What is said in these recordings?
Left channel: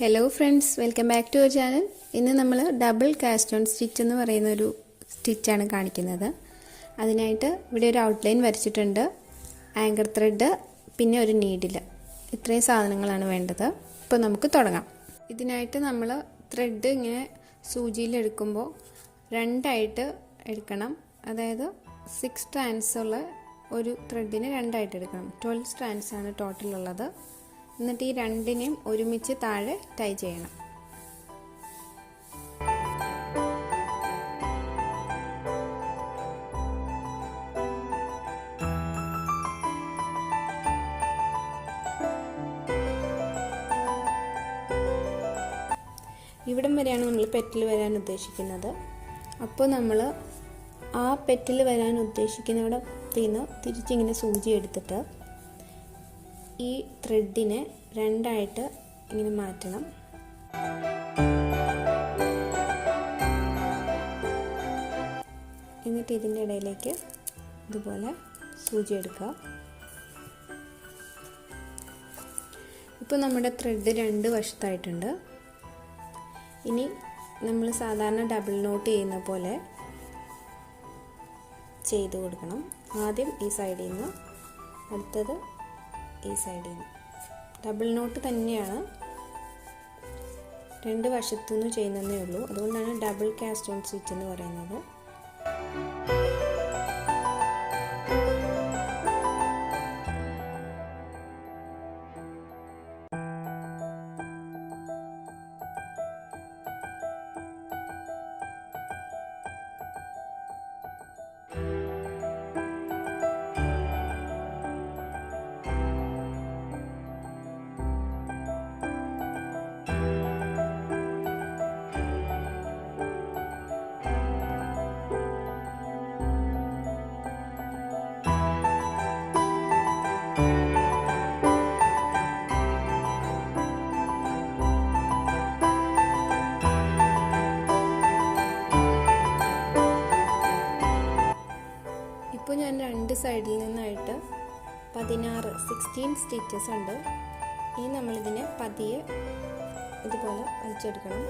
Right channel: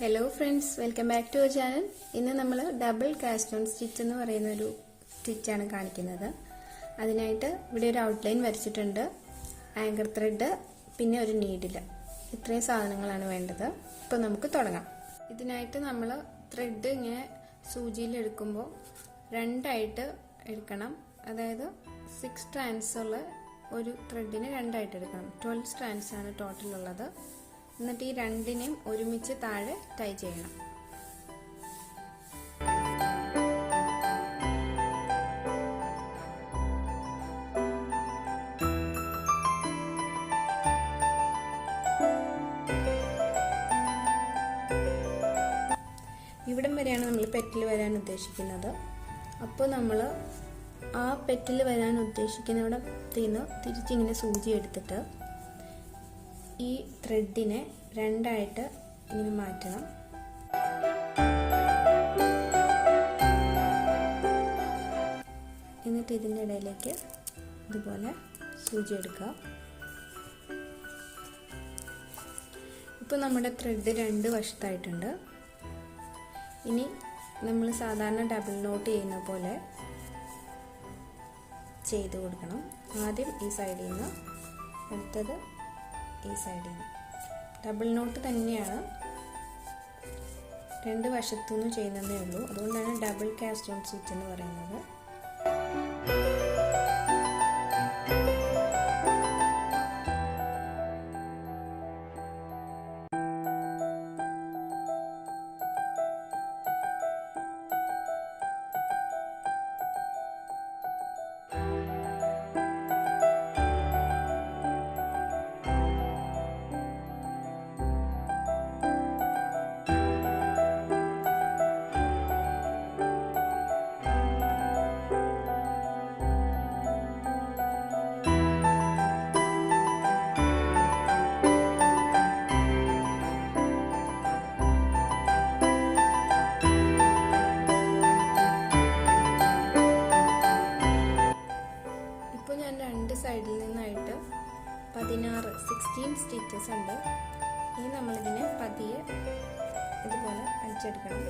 Hello friends, welcome back to our channel. ഇന്ന് നമ്മൾ double caste one stitch എന്ന് പറയുന്ന ഒരു സ്റ്റിച്ചാണ് കാണിക്കുന്നത്. അതിനായിട്ട് ഇവിടെ ഒരു ഔട്ട്ലൈൻ വരച്ചിട്ടുണ്ട്, ആങ്കർ ത്രെഡ്, പിന്നെ ഒരു നീഡിൽ. ഇത്രയും സാധനങ്ങളാണ് വേണ്ടത്. ഇപ്പോൾ നമുക്ക് തുടങ്ങാം. ഇതിനായിട്ട് നമ്മൾ ത്രെഡ് ഇങ്ങനെ സൂചിയിലെടുക്കുമ്പോൾ രണ്ടായിട്ട് എടുക്കണം. അതായത് 6 സ്ട്രാൻഡ്സ് ഉള്ള ഒരു ത്രെഡിന് രണ്ടായിട്ട് എടുക്കണം. 12 സ്ട്രാൻഡ്സ് ആണ് ടോട്ടൽ ഉള്ളത്. എന്നിട്ട് ഈ രണ്ടിനെയും ഒരുമിച്ച് താഴെ ടൈ ചെയ്യണം. ഇവിടം വരെയാണ് നമ്മൾ പെറ്റൽ വരാൻ ഉദ്ദേശിക്കുന്നത്. അപ്പോൾ നമ്മൾ ആ പെറ്റൽ വരാൻ ഉദ്ദേശിക്കുന്നിടത്ത് നിന്ന് തിരിച്ചിങ്ങനെ സൂചി എടുത്തിട്ട് ഈ ത്രെഡിനെ രണ്ടായിട്ട് ഇങ്ങനെ മാറ്റണം. എന്നിട്ട് ഇതിൻ്റെ ഇടയിലേക്ക് ഇതുപോലെ സൂചി എടുക്കുക. ഇപ്പോൾ നമ്മുടെ ത്രെഡ് രണ്ട് വശത്തായിട്ടുണ്ട്. ഇനി നമ്മൾ സാധാരണ ഡബിൾ നോട്ട് ചെയ്യുന്ന പോലെ ചെയ്ത് കൊടുക്കണം. ആദ്യം ഈ സൈഡിൽ നിന്ന്, അടുത്തത് ഈ സൈഡിൽ നിന്ന്. ഡബിൾ നോട്ട് തന്നെയാണ്, രണ്ട് വശത്തു നിന്ന് ചെയ്യുന്നതേ ഉള്ളൂ. അതുകൊണ്ടാണ് ഡബിൾ കാസ്റ്റ് ഓൺ സ്റ്റിച്ച് എന്ന് പറയുന്നത്. ഇപ്പോൾ ഞാൻ രണ്ട് സൈഡിൽ നിന്നായിട്ട് 16 സ്റ്റിച്ചസ് ഉണ്ട്. ഇനി നമ്മളിതിനെ പതിയെ ഇതുപോലെ വലിച്ചെടുക്കണം.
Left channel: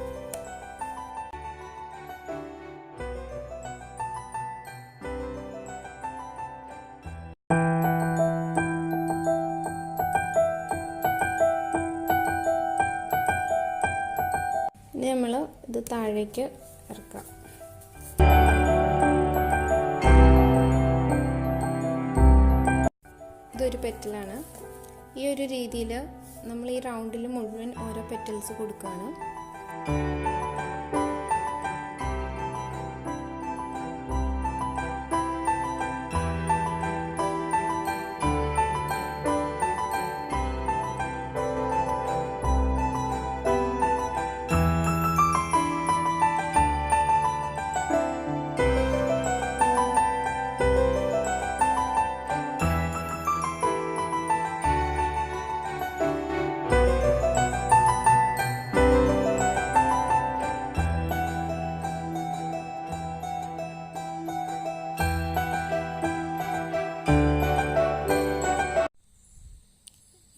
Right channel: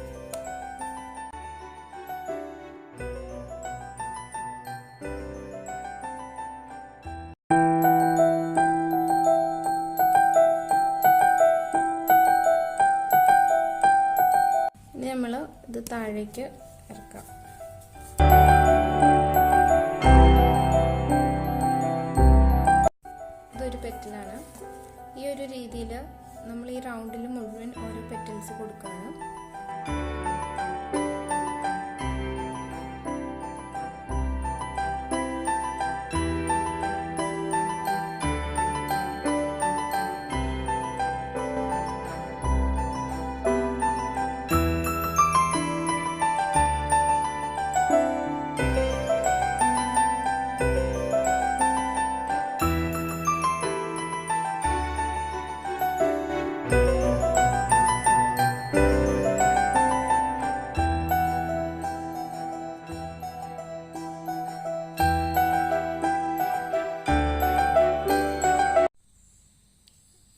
ഇനി നമ്മൾ ഇത് താഴേക്ക് ഇറക്കാം. ഇതൊരു പെറ്റലാണ്. ഈ ഒരു രീതിയിൽ നമ്മൾ ഈ റൗണ്ടിൽ മുഴുവൻ ഓരോ പെറ്റൽസ് കൊടുക്കുകയാണ്.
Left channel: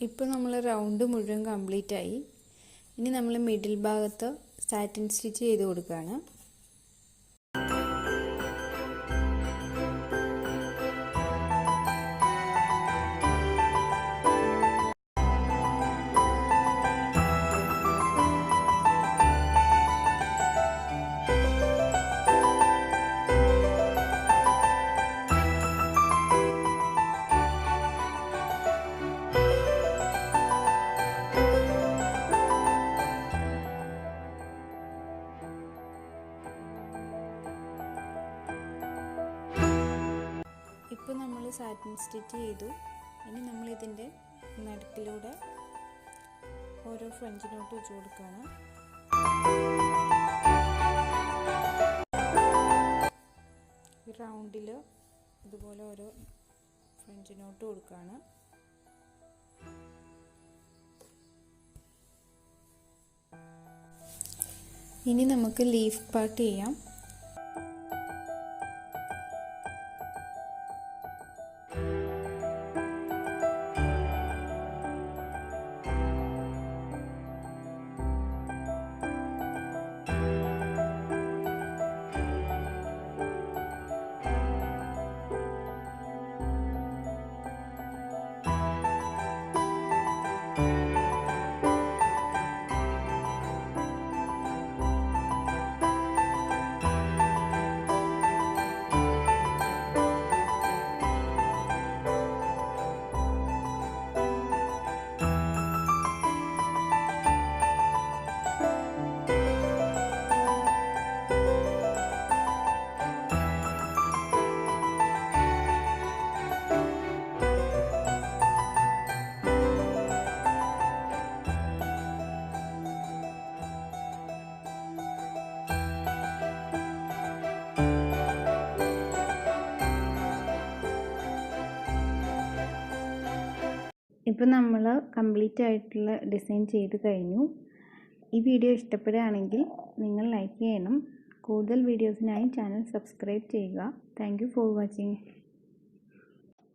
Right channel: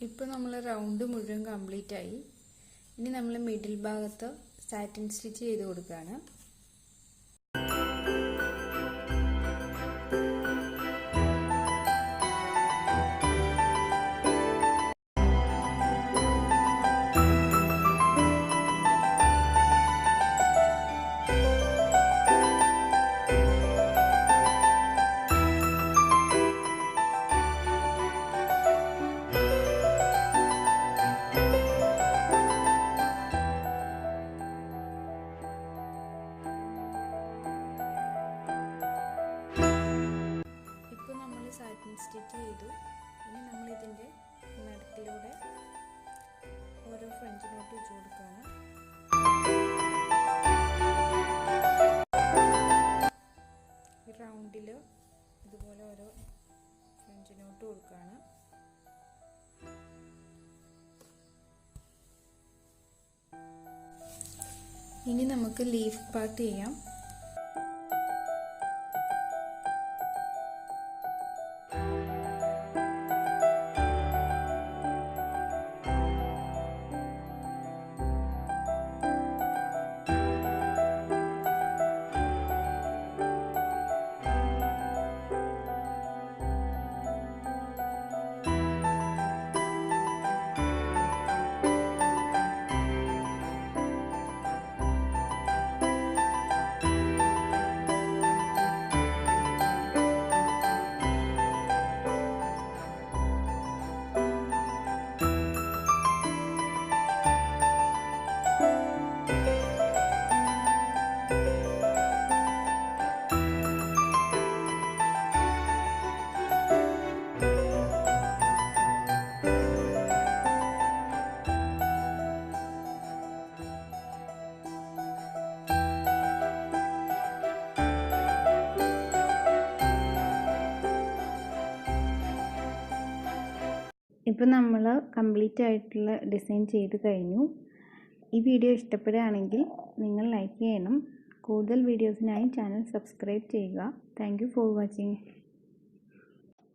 ഇപ്പോൾ നമ്മൾ റൗണ്ട് മുഴുവൻ കംപ്ലീറ്റ് ആയി. ഇനി നമ്മൾ മിഡിൽ ഭാഗത്ത് സാറ്റിൻ സ്റ്റിച്ച് ചെയ്ത് കൊടുക്കുകയാണ്. ഇപ്പോൾ നമ്മൾ സാറ്റിൻ സ്റ്റിച്ച് ചെയ്തു. ഇനി നമ്മൾ ഇതിൻ്റെ നടുക്കിലൂടെ ഓരോ ഫ്രഞ്ച് നോട്ട് വെച്ച് കൊടുക്കുകയാണ്. ഈ റൗണ്ടിൽ ഇതുപോലെ ഓരോ ഫ്രഞ്ച് നോട്ട് കൊടുക്കുകയാണ്. ഇനി നമുക്ക് ലീഫ് പാർട്ട് ചെയ്യാം. ഇപ്പോൾ നമ്മൾ കംപ്ലീറ്റ് ആയിട്ടുള്ള ഡിസൈൻ ചെയ്ത് കഴിഞ്ഞു. ഈ വീഡിയോ ഇഷ്ടപ്പെടുകയാണെങ്കിൽ നിങ്ങൾ ലൈക്ക് ചെയ്യണം. കൂടുതൽ വീഡിയോസിനായി ചാനൽ സബ്സ്ക്രൈബ് ചെയ്യുക. Thank you for watching.